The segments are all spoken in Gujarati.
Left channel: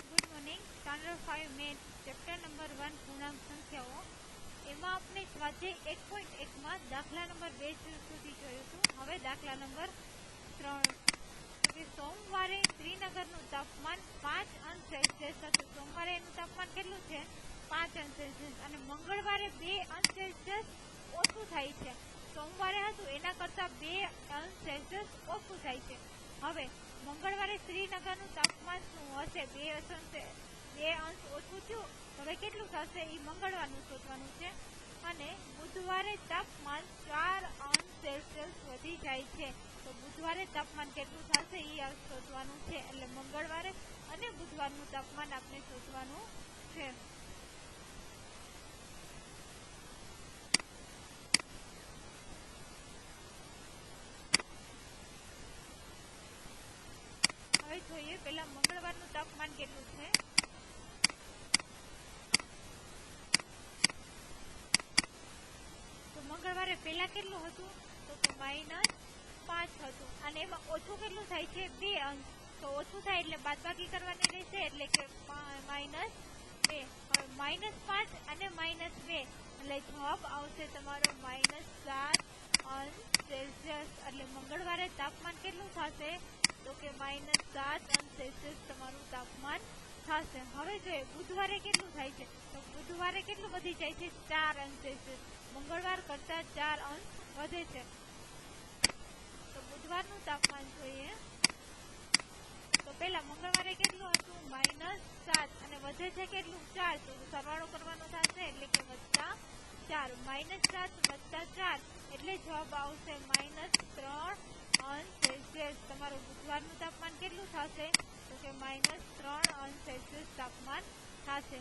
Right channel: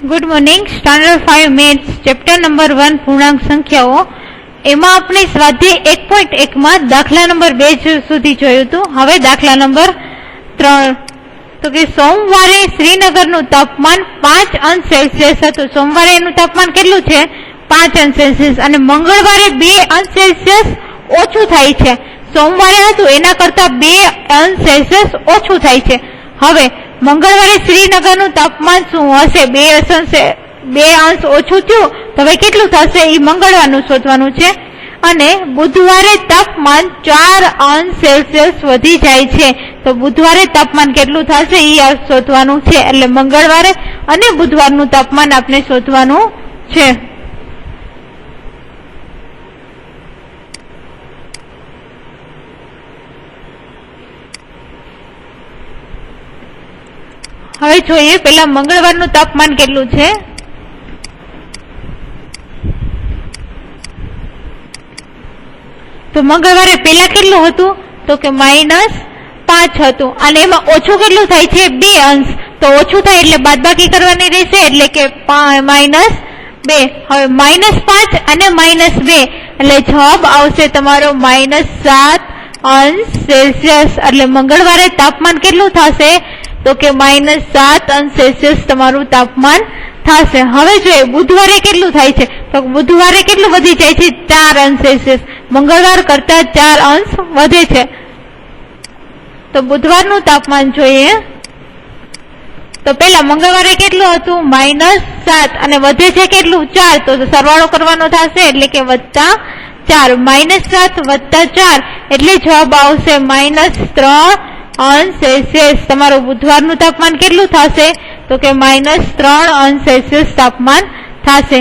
Good morning. Standard 5 maths chapter number 1 पूर्णांक संख्याओं एमां आपणे स्वाध्याय 1.1 में दाखला नंबर 2 सुधी जोयुं हतुं। हवे दाखला नंबर 3 तो कि सोमवारे श्रीनगरनुं तापमान 5 अंश सेल्सियस हतुं। सोमवारे एनुं तापमान केटलुं छे 5 अंश सेल्सियस अने मंगळवारे 2 अंश सेल्सियस ओछुं थाय छे। सोमवारे हतुं एना करता 2 अंश सेल्सियस ओछुं थाय छे। हवे मंगळवारे श्रीनगरनुं तापमान शुं हशे? 2 अंश ओछुं थयुं तो हवे केटलुं थशे ई मंगळवारनुं शोधवानुं छे। अने बुधवारे तापमान 4 अंश सेल्सियस वधी जाय छे तो बुधवारे तापमान केटलुं थशे ई शोधवानुं छे। એટલે મંગળવારે અને બુધવારનું તાપમાન આપણે શોધવાનું છે। હવે જોઈએ પેલા મંગળવારનું તાપમાન કેટલું છે। તો મંગળવારે પેલા કેટલું હતું તો કે -5 હતું અને એમાં ઓછું કેટલું થાય છે 2 અંશ। તો ઓછું થાય એટલે બાદબાકી કરવાની રહેશે એટલે કે -2। હવે -5 અને -2 એટલે જવાબ આવશે તમારો -7 અંશ સેલ્સિયસ। એટલે મંગળવારે તાપમાન કેટલું થશે तो के -7 अंश सेल्सियस तमारू तापमान थाशे। हवे जोईए बुधवारे केटलुं थाय छे तो बुधवारे केटलुं वधी जाय छे 4 अंश सेल्सियस। मंगळवार करता 4 अंश वधे छे तो बुधवारनुं तापमान जोईए तो पेला मंगळवारे केटलुं हतुं -7 अने वधे छे केटलुं 4 तो सरवाळो करवानो थशे એટલે કે +4 -7 + 4 એટલે જવાબ આવશે -3 अंश सेल्सियस। तमारो बुधवारनुं तापमान केटलुं थशे तो के -3 अंश सेल्सियस तापमान थशे।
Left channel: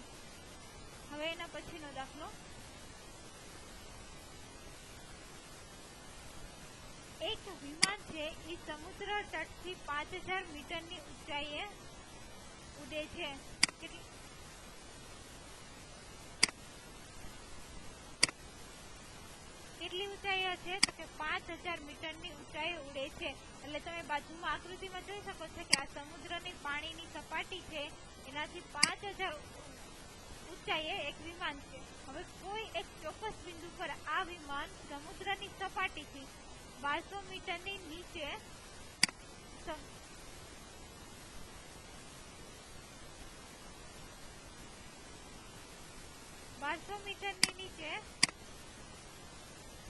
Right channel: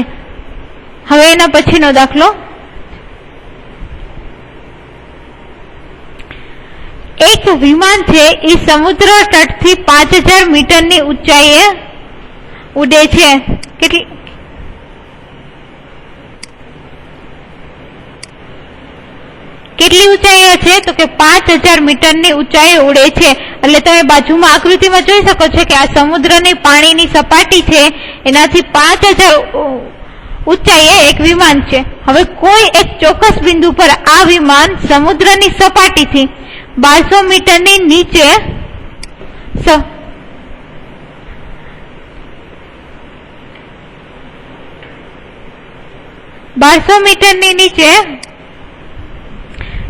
हवे एना पछीनो दाखलो, एक विमान छे ई समुद्र तटथी 5000 मीटरनी ऊंचाईए उडे छे। કેટલી ઊંચાઈ છે તો કે 5000 મીટરની ઊંચાઈ ઉડે છે। એટલે તમે બાજુમાં આકૃતિમાં જોઈ શકો છો કે આ સમુદ્રની પાણીની સપાટી છે એનાથી 5000 ઊંચાઈએ એક વિમાન છે। હવે કોઈ એક ચોક્કસ બિંદુ પર આ વિમાન સમુદ્રની સપાટીથી 1200 મીટરની નીચે 1200 મીટરની નીચે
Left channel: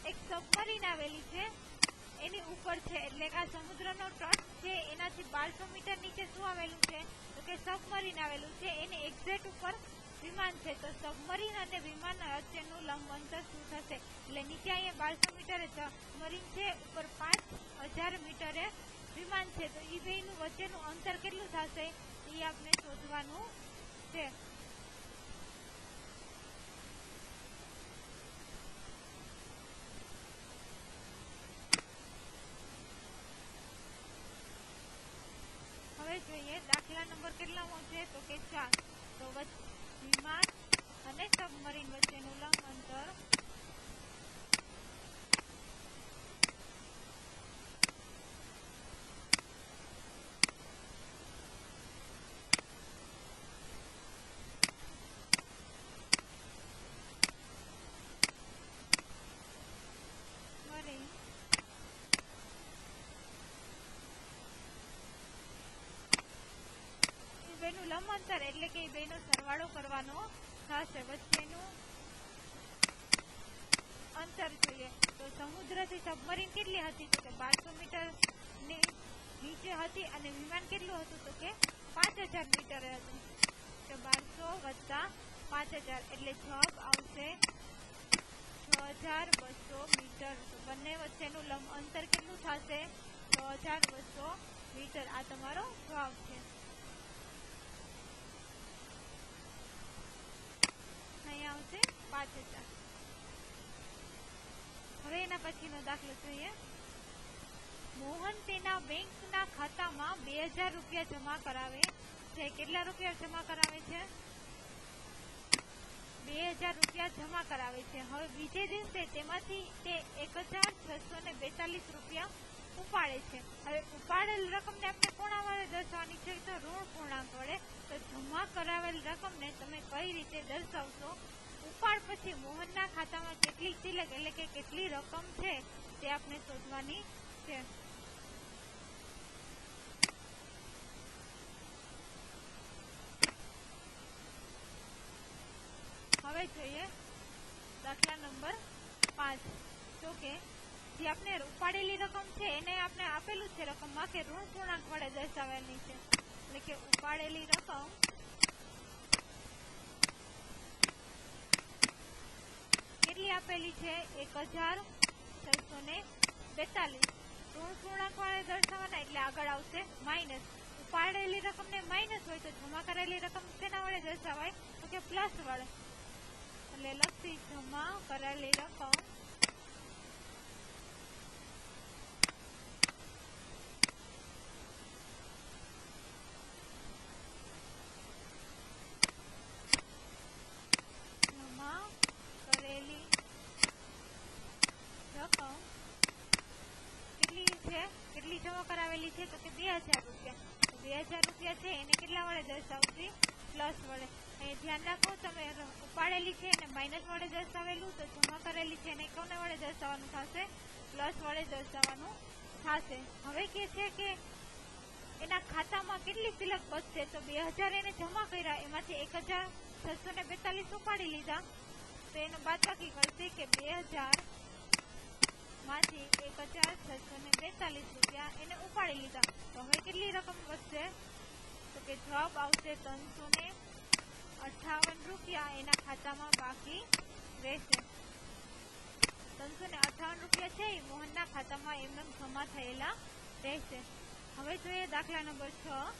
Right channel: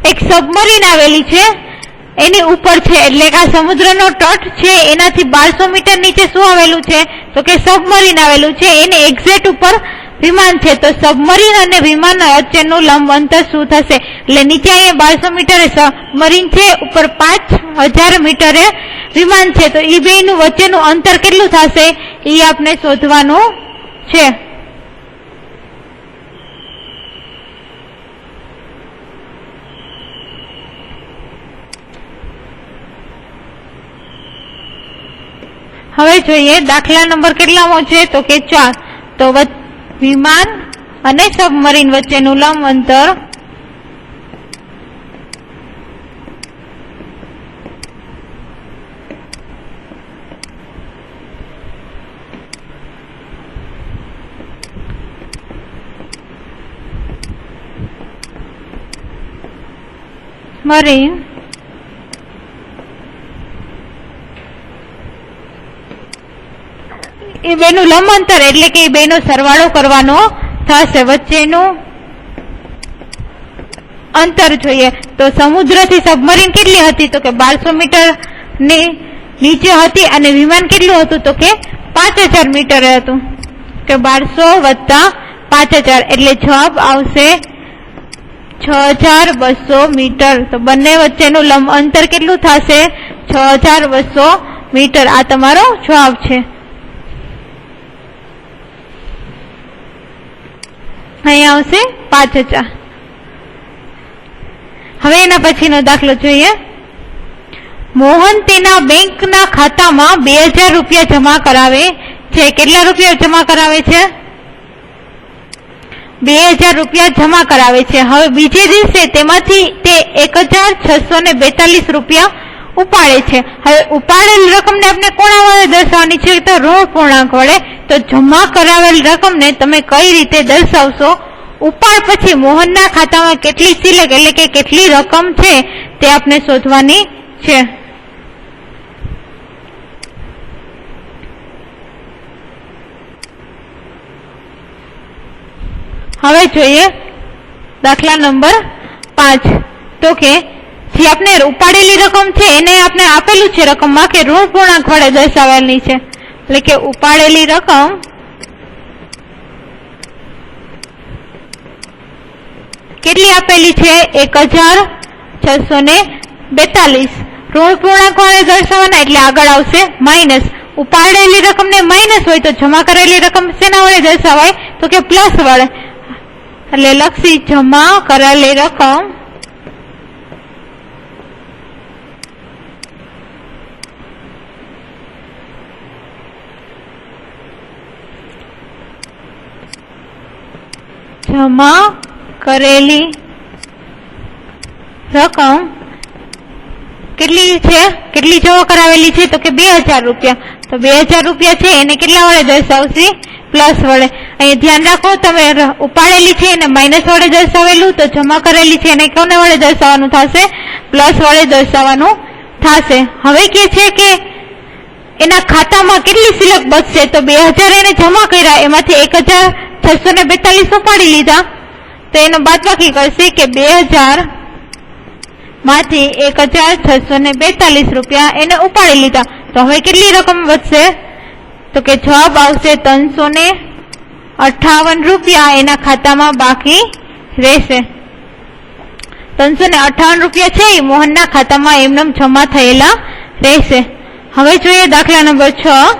एक सबमरीन आवेली छे एनी ऊपर छे એટલે કે આ સમુદ્રનો તટ છે એનાથી 1200 મીટર નીચે શું આવેલું છે તો કે સબમરીન આવેલું છે એની એક્ઝેક્ટ ઉપર વિમાન છે। તો સબમરીન અને વિમાન વચ્ચેનું લંબ અંતર શું થશે એટલે નીચે અહીંયા 1200 મીટરે સબમરીન છે ઉપર 5000 મીટરે વિમાન છે તો ઈ બેયનું વચ્ચેનું અંતર કેટલું થશે ઈ આપણે શોધવાનું છે। હવે જોઈએ દાખલા નંબર કેટલામો છે તો કે 4 તો વિમાન અને સબમરીન વચ્ચેનું લંબ અંતર મરીન એ બેનું લંબ અંતર એટલે કે એ બેનો સરવાળો કરવાનો થશે। વચ્ચેનું અંતર જોઈએ તો સમુદ્રથી સબમરીન કેટલી હતી તો કે 1200 મીટર ની નીચે હતી અને વિમાન કેટલું હતું તો કે 5000 મીટર હતું કે 1200 + 5000 એટલે જવાબ આવશે 6200 મીટર। તો બંને વચ્ચેનું લંબ અંતર કેટલું થશે 6200 મીટર। આ તમારો જવાબ છે। અહીંયા આવશે 5000। હવે એના પછીનો દાખલો જોઈએ। મોહન તેના બેંકના ખાતામાં 2000 રૂપિયા જમા કરાવે છે। કેટલા રૂપિયા જમા કરાવે છે 2000 રૂપિયા જમા કરાવે છે। હવે બીજે દિવસે તેમાંથી તે 1642 રૂપિયા ઉપાડે છે। હવે ઉપાડેલ રકમને આપણે કોના વડે દર્શાવવાની છે? તો ઋણ પૂર્ણાંક વડે। તો જમા કરાવેલ રકમને તમે કઈ રીતે દર્શાવશો? ઉપાડ પછી મોહનના ખાતામાં કેટલી સિલક એટલે કે કેટલી રકમ છે તે આપણે શોધવાની છે। હવે જોઈએ દાખલા નંબર 5। તો કે જે આપણે ઉપાડેલી રકમ છે એને આપણે આપેલું છે રકમમાં કે ઋણ પૂર્ણાંક વડે દર્શાવેલી છે, એટલે કે ઉપાડેલી રકમ કેટલી આપેલી છે? 1642। ઋણ પૂર્ણાંક વડે દર્શાવવાના એટલે આગળ આવશે માઇનસ। ઉપાડેલી રકમ ને માઇનસ હોય તો જમા કરેલી રકમ શેના વડે દર્શાવાય? તો કે પ્લસ વડે। એટલે લક્ષી જમા કરેલી રકમ જમા કરેલી રકમ કેટલી છે? કેટલી જમા કરાવેલી છે? તો કે 2000 રૂપિયા। તો 2000 રૂપિયા છે એને કેટલા વડે દર્શાવશે? પ્લસ વડે। અહીં ધ્યાન રાખો, તમે ઉપાડેલી છે એને માઇનસ વડે દર્શાવેલું, તો જમા કરેલી છે એને કોને વડે દર્શાવવાનું થશે? પ્લસ વડે દર્શાવવાનું થશે। હવે કે છે કે એના ખાતામાં કેટલી સિલક બચશે? તો 2000 એને જમા કર્યા, એમાંથી 1642 ઉપાડી લીધા, તો એનો બાદબાકી કરશે કે 2000 માંથી 1642 રૂપિયા એને ઉપાડી લીધા, તો હવે કેટલી રકમ વધશે? તો કે જવાબ આવશે 358 રૂપિયા એના ખાતામાં બાકી રહેશે। 358 રૂપિયા છે એ મોહનના ખાતામાં એમનેમ જમા થયેલા રહેશે। હવે જોઈએ દાખલા નંબર 6।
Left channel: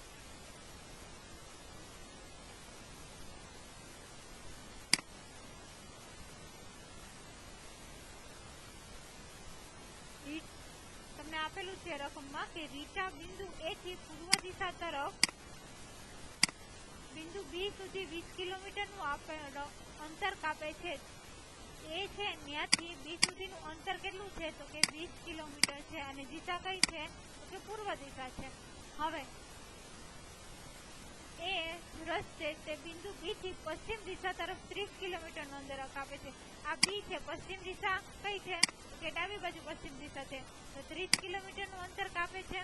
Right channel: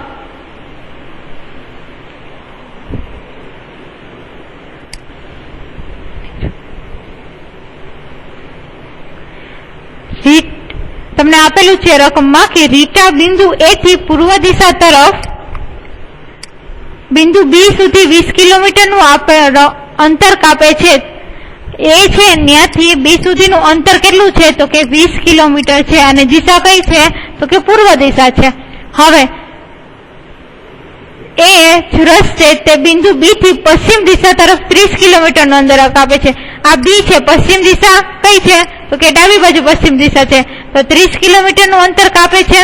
તમને આપેલું છે રકમમાં કે રીટા બિંદુ એ થી પૂર્વ દિશા તરફ બિંદુ બી સુધી 20 કિલોમીટરનું અંતર કાપે છે। એ છે ત્યાંથી બી સુધીનું અંતર કેટલું છે? તો કે 20 કિલોમીટર છે, અને દિશા કઈ છે? તો કે પૂર્વ દિશા છે। હવે એ રસ છે તે બિંદુ બી થી પશ્ચિમ દિશા તરફ 30 કિલોમીટરનું અંતર કાપે છે। આ બી છે, પશ્ચિમ દિશા કઈ છે? તો કે ડાબી બાજુ પશ્ચિમ દિશા છે, તો 30 કિલોમીટરનું અંતર કાપે છે।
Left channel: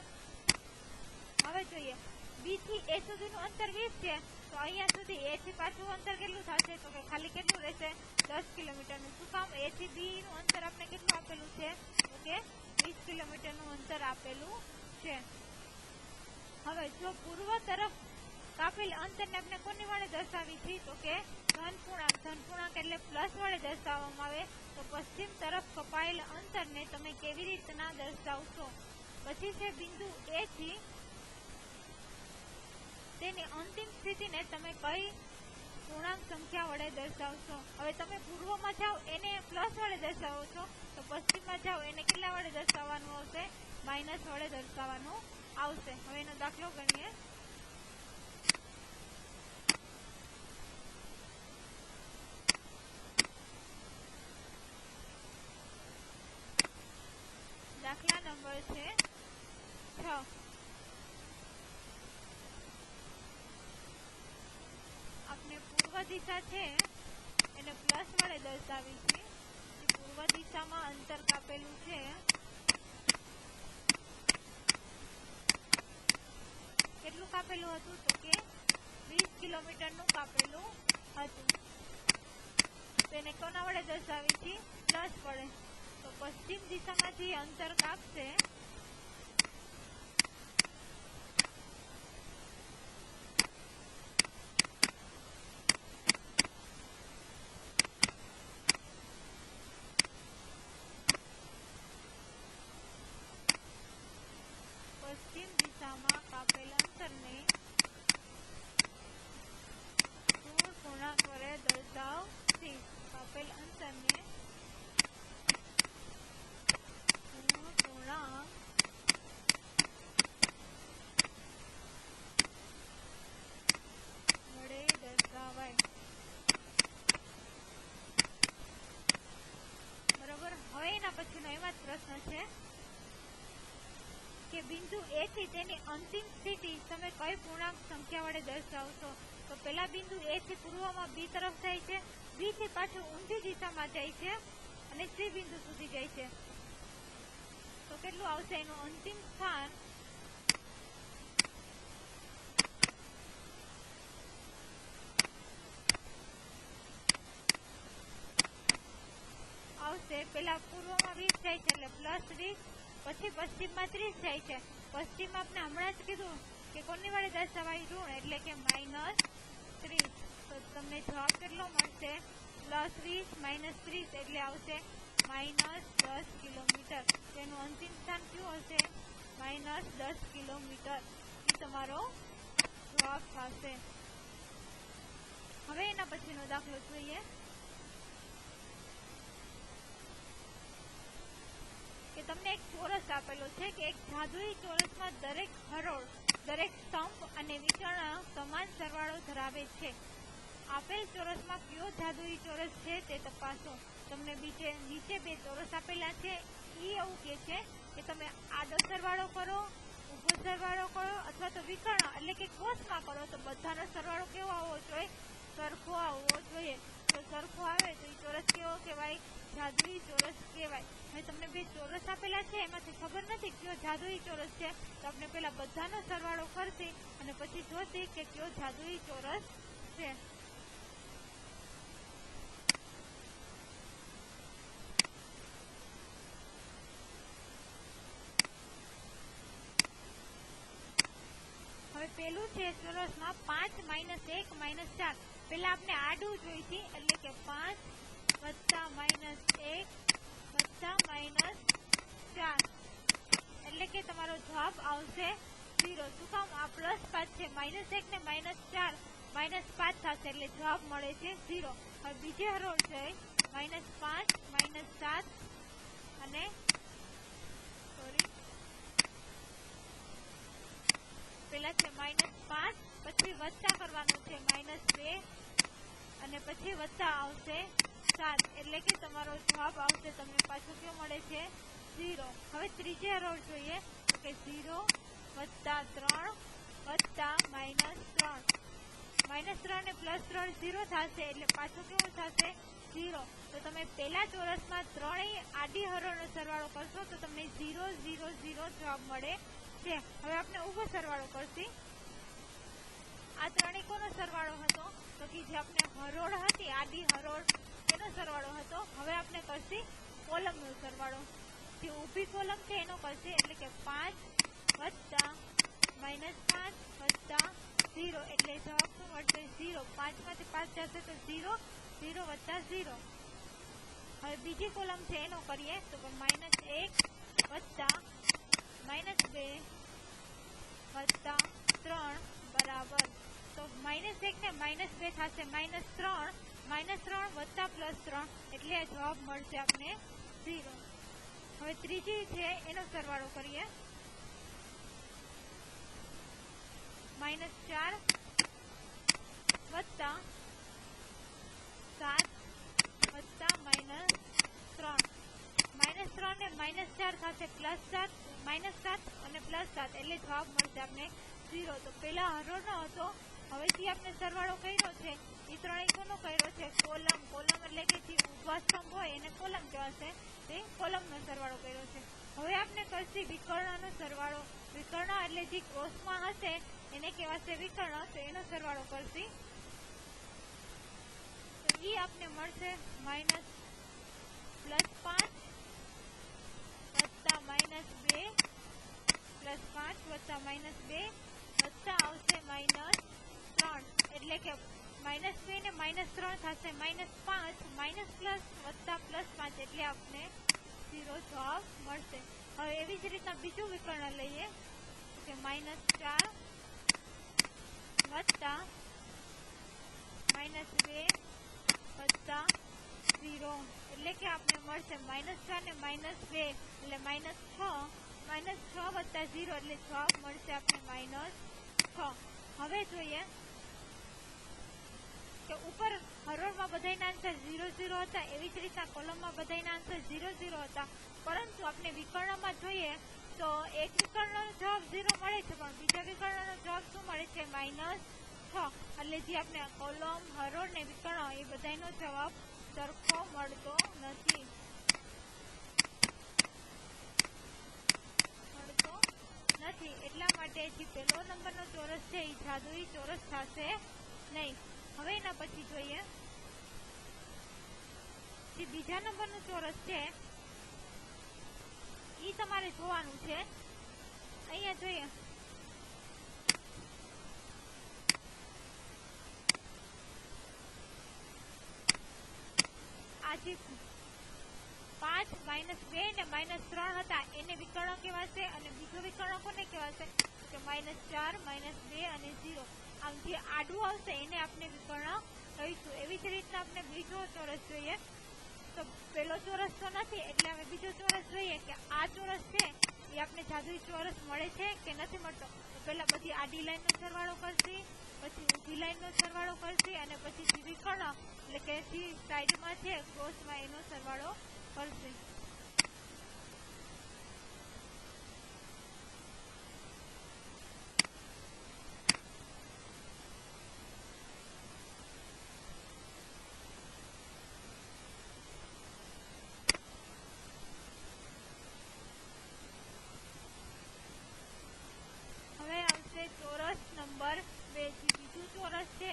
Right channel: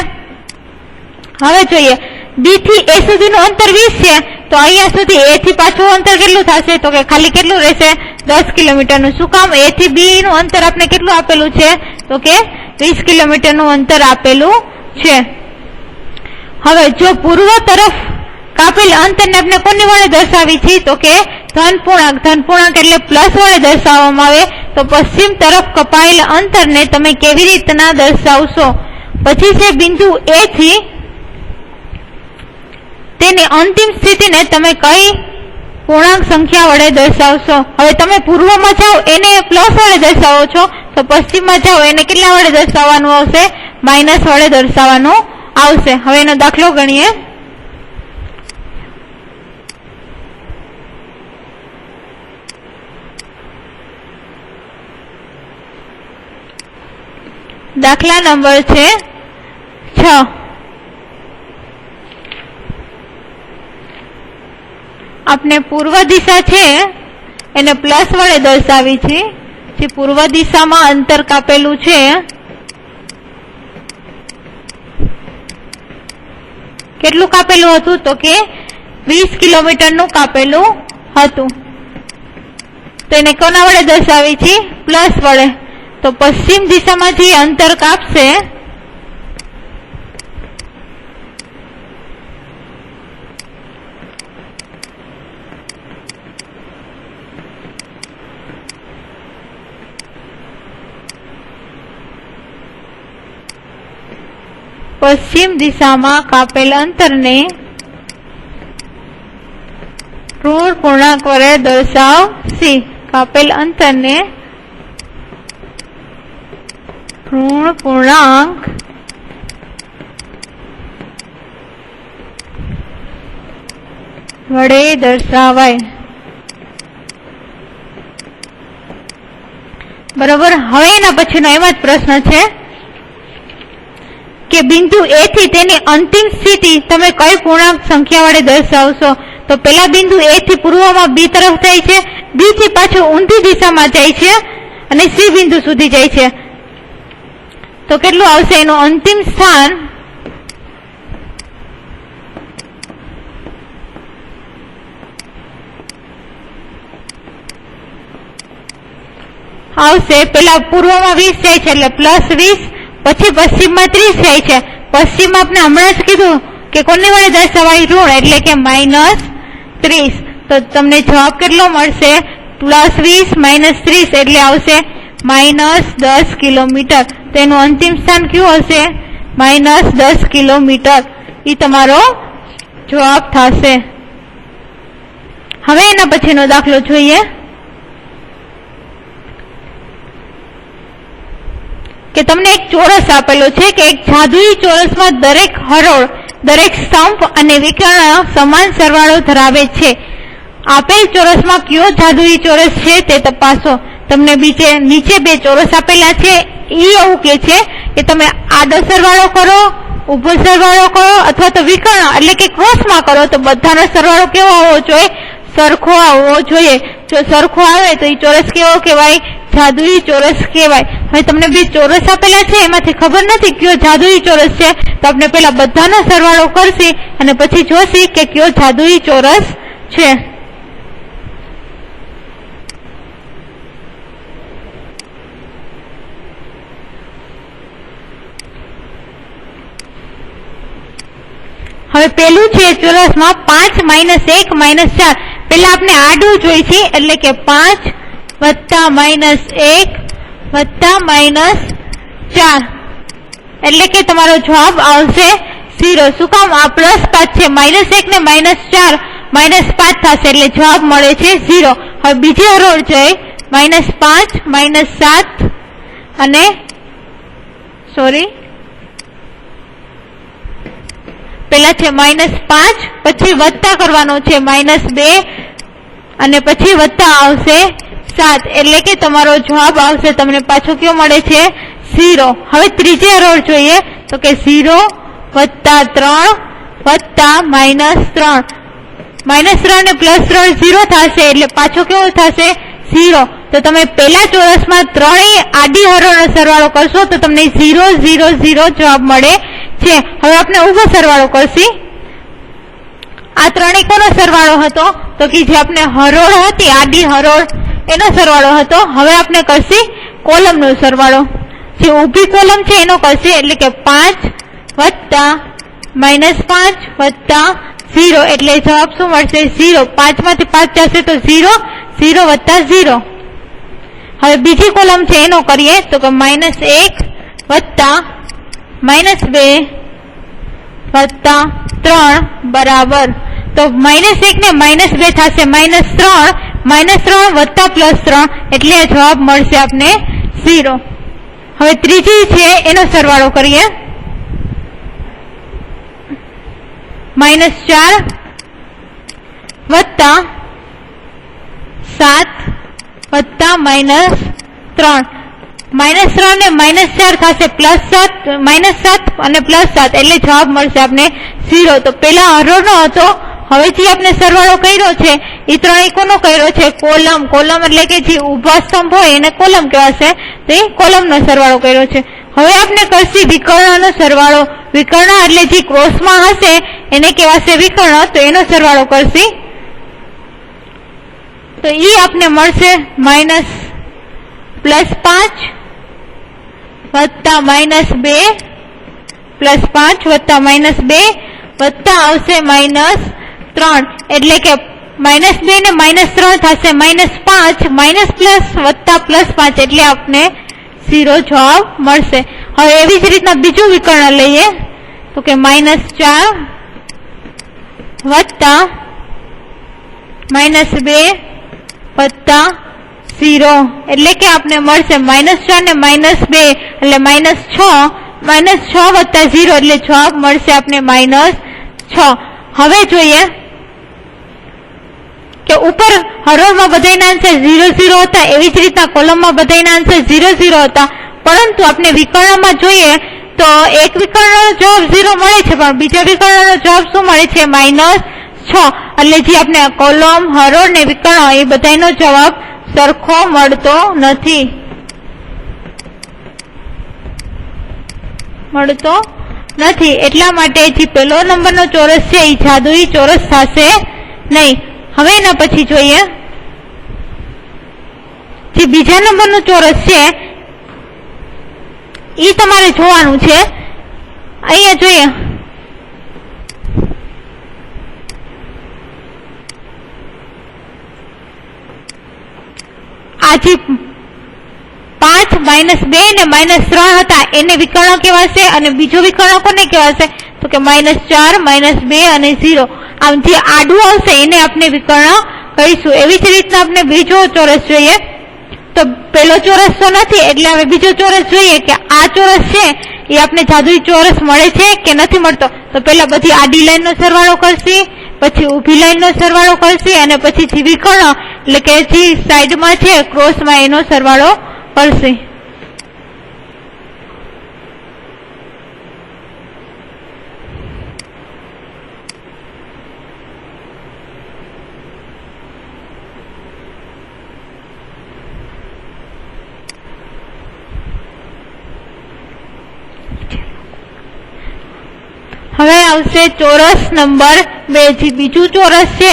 હવે જોઈએ બી થી એ સુધીનું અંતર 20 છે, તો અહીંયા સુધી એ થી પાછું અંતર કેટલું થશે? તો કે ખાલી કેટલું રહેશે? 10 કિલોમીટરનું। શું કામ? એ થી બી નું અંતર આપણે કેટલું આપેલું છે? તો કે 20 કિલોમીટરનું અંતર આપેલું છે। હવે જો પૂર્વ તરફ કાપેલ અંતરને આપણે કોની વડે દર્શાવી છે? તો કે ધન પૂર્ણાંક। ધન પૂર્ણાંક એટલે પ્લસ વડે દર્શાવવામાં આવે, તો પશ્ચિમ તરફ કપાયેલ અંતરને તમે કેવી રીતના દર્શાવશો? પછી છે બિંદુ એ થી તેની અંતિમ સ્થિતિને તમે કઈ પૂર્ણાંક સંખ્યા વડે દર્શાવશો? હવે તમે પૂર્વમાં જાઓ એને પ્લસ વડે દર્શાવો છો, તો પશ્ચિમમાં જાઓ એને કેટલા વડે દર્શાવવાનું આવશે? માઇનસ વડે દર્શાવવાનું આવશે। હવે એનો દાખલો ગણીએ। દાખલા નંબર છે 6। આપણે પૂર્વ દિશા છે એને પ્લસ વડે દર્શાવી છે। જે પૂર્વ દિશામાં અંતર કાપેલું છે કેટલું કાપેલું હતું? તો કે 20 કિલોમીટરનું કાપેલું હતું, તો એને કોના વડે દર્શાવી છે? પ્લસ વડે। તો પશ્ચિમ દિશામાં જે અંતર કાપશે પશ્ચિમ દિશામાં કાપેલ અંતરને ઋણ પૂર્ણાંક વડે દર્શાવશે। કાપેલ અંતરને ઋણ પૂર્ણાંક વડે દર્શાવાય। બરોબર। હવે એના પછીનો એમ જ પ્રશ્ન છે કે બિંદુ એ થી તેની અંતિમ સ્થિતિ તમે કઈ પૂર્ણાંક સંખ્યા વડે દર્શાવશો? તો પેલા બિંદુ એ થી પૂર્વમાં બી તરફ જાય છે, બી થી પાછું ઊંધી દિશામાં જાય છે અને સી બિંદુ સુધી જાય છે. તો કેટલું આવશે એનું અંતિમ સ્થાન? આવશે પેલા પૂર્વમાં 20 જાય છે એટલે +20, પછી પશ્ચિમમાં 30 જાય છે. પશ્ચિમ આપણે હમણાં જ કીધું કે કોની વડે દર્શાવાય? ઋણ, એટલે કે -30. તો તમને જવાબ કેટલો મળશે? +20 - 30 એટલે આવશે -10 કિલોમીટર. તેનું અંતિમ સ્થાન કયું હશે? -10 કિલોમીટર. એ તમારો જવાબ થશે. હવે એના પછીનો દાખલો જોઈએ કે તમને એક ચોરસ આપેલો છે કે એક જાદુઈ ચોરસમાં દરેક હરોળ, દરેક સ્તંભ અને વિકર્ણ સમાન સરવાળો ધરાવે છે. આપેલ ચોરસમાં કયો જાદુઈ ચોરસ છે તે તપાસો. તમને નીચે બે ચોરસ આપેલા છે. એ એવું કે છે કે તમે આડો સરવાળો કરો, ઊભો સરવાળો કરો અથવા તો વિકર્ણ એટલે કે ક્રોસમાં કરો તો બધાનો સરવાળો કેવો હોવો જોઈએ? સરખો આવવો જોઈએ. જો સરખો આવે તો એ ચોરસ કેવો કહેવાય? જાદુઈ ચોરસ કહેવાય. હવે તમને બે ચોરસ આપેલા છે, એમાંથી ખબર નથી કયો જાદુઈ ચોરસ છે, તો આપણે પેલા બધાનો સરવાળો કરશી અને પછી જોશી કે કયો જાદુઈ ચોરસ છે. હવે પેલું છે ચોરસમાં 5 - 1 - 4. પેલા આપણે આડું જોઈ છે એટલે કે 5 + -1 + -4 એટલે કે તમારો જવાબ આવશે 0. શું કામ? આ +5 છે, -1 ને -4 -5 થશે એટલે જવાબ મળે છે 0. હવે બીજી હરોળ જોઈ -5 -7 અને પેલા છે -5, પછી વત્તા કરવાનો છે -2 અને પછી વત્તા આવશે 7 એટલે કે તમારો જવાબ આવશે તમને પાછો કયો મળે છે? 0. હવે ત્રીજી હરોળ જોઈએ તો કે 0 + 3 વત્તા -3. -3 ને +3 0 થશે એટલે પાછો કેવો થશે? 0. તો તમે પેલા ચોરસમાં ત્રણેય આડી હરોળનો સરવાળો કરશો તો તમને 0 0 0 જવાબ મળે છે. હવે આપણે ઊભો સરવાળો કરશી. આ ત્રણેય કોનો સરવાળો હતો? તો કે જે આપણે હરોળ હતી આડી હરોળ એનો સરવાળો હતો. હવે આપણે કરશી કોલમનો સરવાળો. જે ઊભી કોલમ છે એનો કરશી એટલે કે 5 વત્તા -5 વત્તા 0 એટલે જવાબ શું મળશે? 0. 5 માંથી 5 જશે તો 0 0 વત્તા 0. હવે બીજી કોલમ છે એનો કરીએ તો કે -1 વત્તા -2 વત્તા 3 બરાબર. તો -1 ને -2 થશે -3, -3 વત્તા +3 એટલે જવાબ મળશે આપને 0. હવે ત્રીજી છે એનો સરવાળો કરીએ. -4 વત્તા 7 વત્તા -3. -3 ને -4 થશે +7, -7 અને +7 એટલે જવાબ મળશે આપને 0. તો પેલા હરોળનો હતો. હવે જે આપણે સરવાળો કર્યો છે એ ત્રણેય કોનો કર્યો છે? કોલમ. કોલમ એટલે કે જે ઊભા સ્તંભ હોય એને કોલમ કહેવાશે. તો એ કોલમનો સરવાળો કર્યો છે. હવે આપણે કરશી વિકર્ણનો સરવાળો. વિકર્ણ એટલે જે ક્રોસમાં હશે એને કહેવાશે વિકર્ણ. તો એનો સરવાળો કરશી તો એ આપને મળશે -5 વત્તા -2 +5 વત્તા -2 વત્તા આવશે -3 એટલે કે -2 ને -3 થશે -5 વત્તા +5 એટલે આપને 0 જવાબ મળશે. હવે એવી જ રીતના બીજું વિકર્ણ લઈએ તો કે -4 વત્તા -2 વત્તા 0 એટલે કે આપને મળશે -4 ને -2 એટલે -6 વત્તા 0 એટલે જવાબ મળશે આપને -6. હવે જોઈએ કે ઉપર હરોળમાં બધાના આન્સર 0 0 હતા, એવી જ રીતના કોલમમાં બધાના આન્સર 0 0 હતા, પરંતુ આપણે વિકર્ણમાં જોઈએ તો એક વિકર્ણનો જવાબ 0 મળે છે, પણ બીજા વિકર્ણનો જવાબ શું મળે છે? -6. એટલે જે આપણે કોલમ, હરોળ ને વિકર્ણ એ બધાનો જવાબ સરખો મળતો નથી. એટલા માટે જે પહેલો નંબરનો ચોરસ છે એ જાદુઈ ચોરસ થશે નહીં. હવે એના પછી જોઈએ જે બીજા નંબરનું ચોરસ છે એ તમારે જોવાનું છે. અહીંયા જોઈએ આ જે 5 -2 ને -3 હતા એને વિકર્ણ કહેવાશે, અને બીજો વિકર્ણ કોને કહેવાશે? તો કે -4, -2 અને 0. આમ જે આડું આવશે એને આપણે વિકર્ણ કહીશું. એવી જ રીતના આપણે બીજો ચોરસ જોઈએ. તો પેલો ચોરસ તો નથી, એટલે હવે બીજો ચોરસ જોઈએ કે આ ચોરસ છે એ આપણે જાદુઈ ચોરસ મળે છે કે નથી મળતો. તો પેલા બધી આડી લાઈન નો સરવાળો કરશે, પછી ઊભી લાઈન નો સરવાળો કરશે, અને પછી જે વિકર્ણ એટલે કે જે સાઈડમાં છે ક્રોસમાં એનો સરવાળો કરશે. હવે આવશે ચોરસ નંબર 2. જે બીજું ચોરસ છે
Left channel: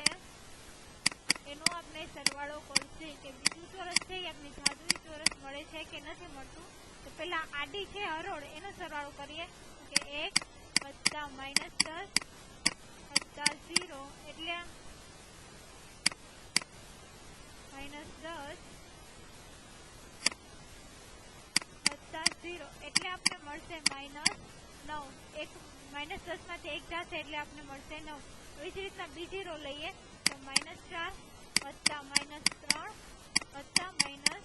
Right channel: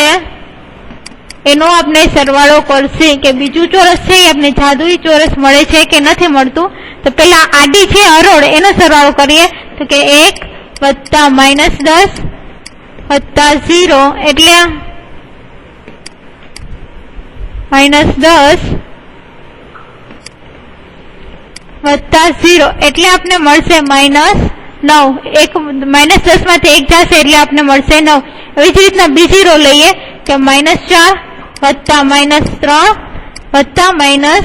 એનો આપણે સરવાળો કરશે કે બીજું ચોરસ છે એ આપણે જાદુઈ ચોરસ મળે છે કે નથી મળતું. તો પેલા આડી છે હરોળ એનો સરવાળો કરીએ તો કે 1 વત્તા -10 વત્તા 0 એટલે -10 વત્તા 0 એટલે આપણે મળશે -9. એક -10 માંથી 1 જશે એટલે આપણે મળશે 9. એવી જ રીતના બીજી રો લઈએ કે -4 વત્તા -3 વત્તા -2.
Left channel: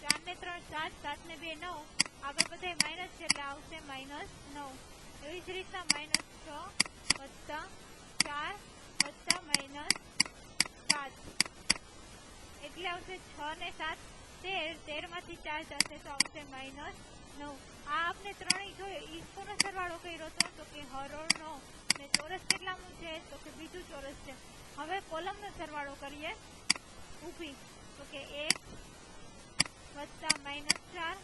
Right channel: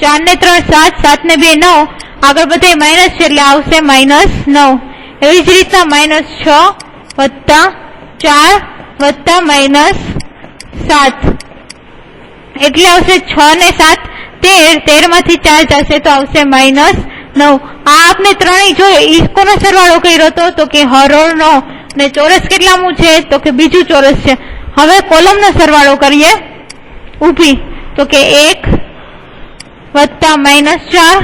4 ને 3 7, 7 ને 2 9. આગળ બધે માઇનસ છે એટલે આવશે -9. એવી જ રીતના -6 વત્તા 4 વત્તા -7 એટલે આવશે 6 ને 7 13. 13 માંથી 4 જશે તો આવશે -9. આ આપણે ત્રણેય જોઈએ એ કોનો સરવાળો કર્યો હતો? તો કે હરોળનો. ને ચોરસ કેટલામું છે? તો કે બીજું ચોરસ છે. હવે કોલમનો સરવાળો કરીએ ઊભી તો કે 1 વત્તા -4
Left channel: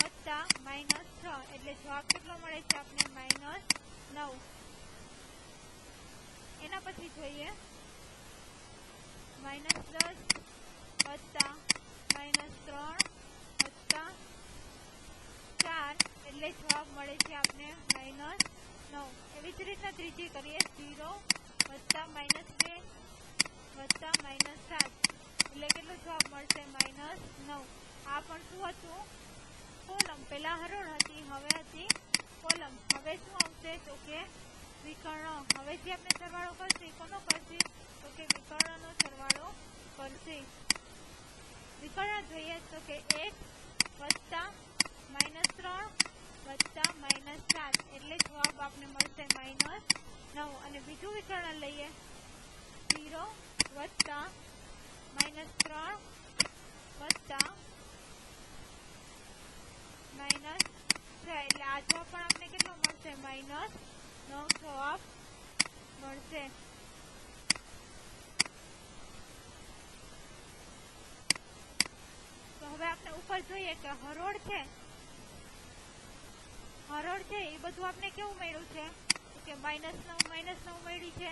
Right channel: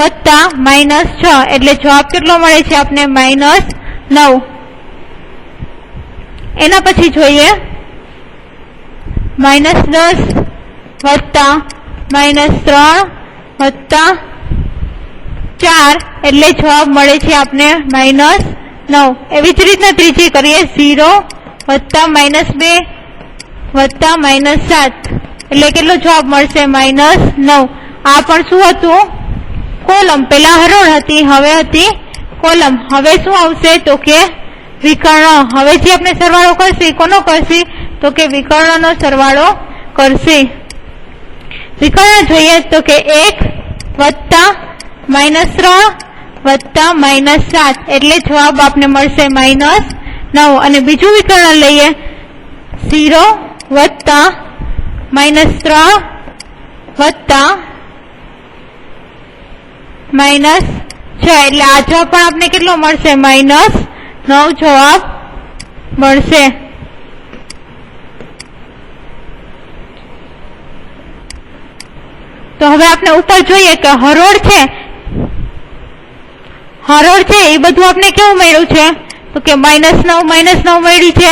વત્તા -6 એટલે જવાબ કેટલો મળે છે આપણે? -9. એના પછી જોઈએ -10 વત્તા -3 વત્તા 4 એટલે જવાબ મળે છે આપણે -9. એવી જ રીતના ત્રીજી કરીએ 0 વત્તા -2 વત્તા -7 એટલે કેટલો જવાબ મળશે? -9. આ પણ શું હતું? કોલમ. પેલા હરોળ હતી, હવે હતી કોલમ. હવે શું આવશે? તો કે વિકર્ણ. હવે જે આપણે સરવાળો કરશે કોનો કરશે? તો કે વિકર્ણનો સરવાળો કરશે. વિકર્ણ જોઈએ તો કે 1 વત્તા -3 વત્તા -7 એટલે જવાબ આપને મળશે -9. અને બીજું વિકર્ણ લઈએ 0 વત્તા -3 વત્તા -6 એટલે આ જવાબ પણ આપને કેટલો મળશે? -9 જવાબ મળશે. તો હવે આપણે ઉપર જોઈએ કે હરોળ છે એ બધું આપણે કેવું મળ્યું છે? તો કે -9 મળી છે.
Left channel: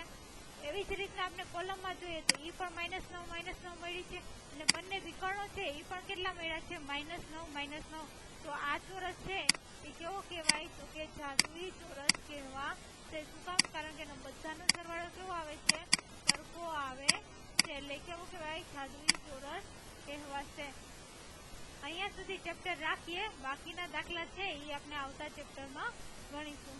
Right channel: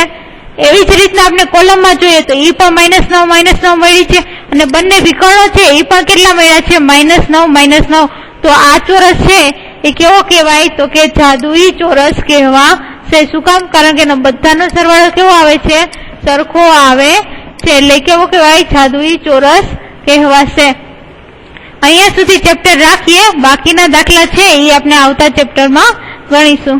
એવી જ રીતના આપણે કોલમમાં જોઈએ તો એ પણ -9 મળી છે. અને બંને વિકર્ણો છે એ પણ કેટલા મળ્યા છે? -9. તો આ ચોરસ છે એ કેવો કહેવાય? તો કે જાદુઈ ચોરસ કહેવાશે. શું કામ? કારણ કે બધાનો સરવાળો કેવો આવે છે? સરખો આવે છે. એટલે કેવો કહેવાય? જાદુઈ ચોરસ કહેવાશે. અહીંયા સુધી ચેપ્ટર રાખીએ. બાકીના દાખલા છે એ આપણે આવતા ચેપ્ટરમાં ગણીશું.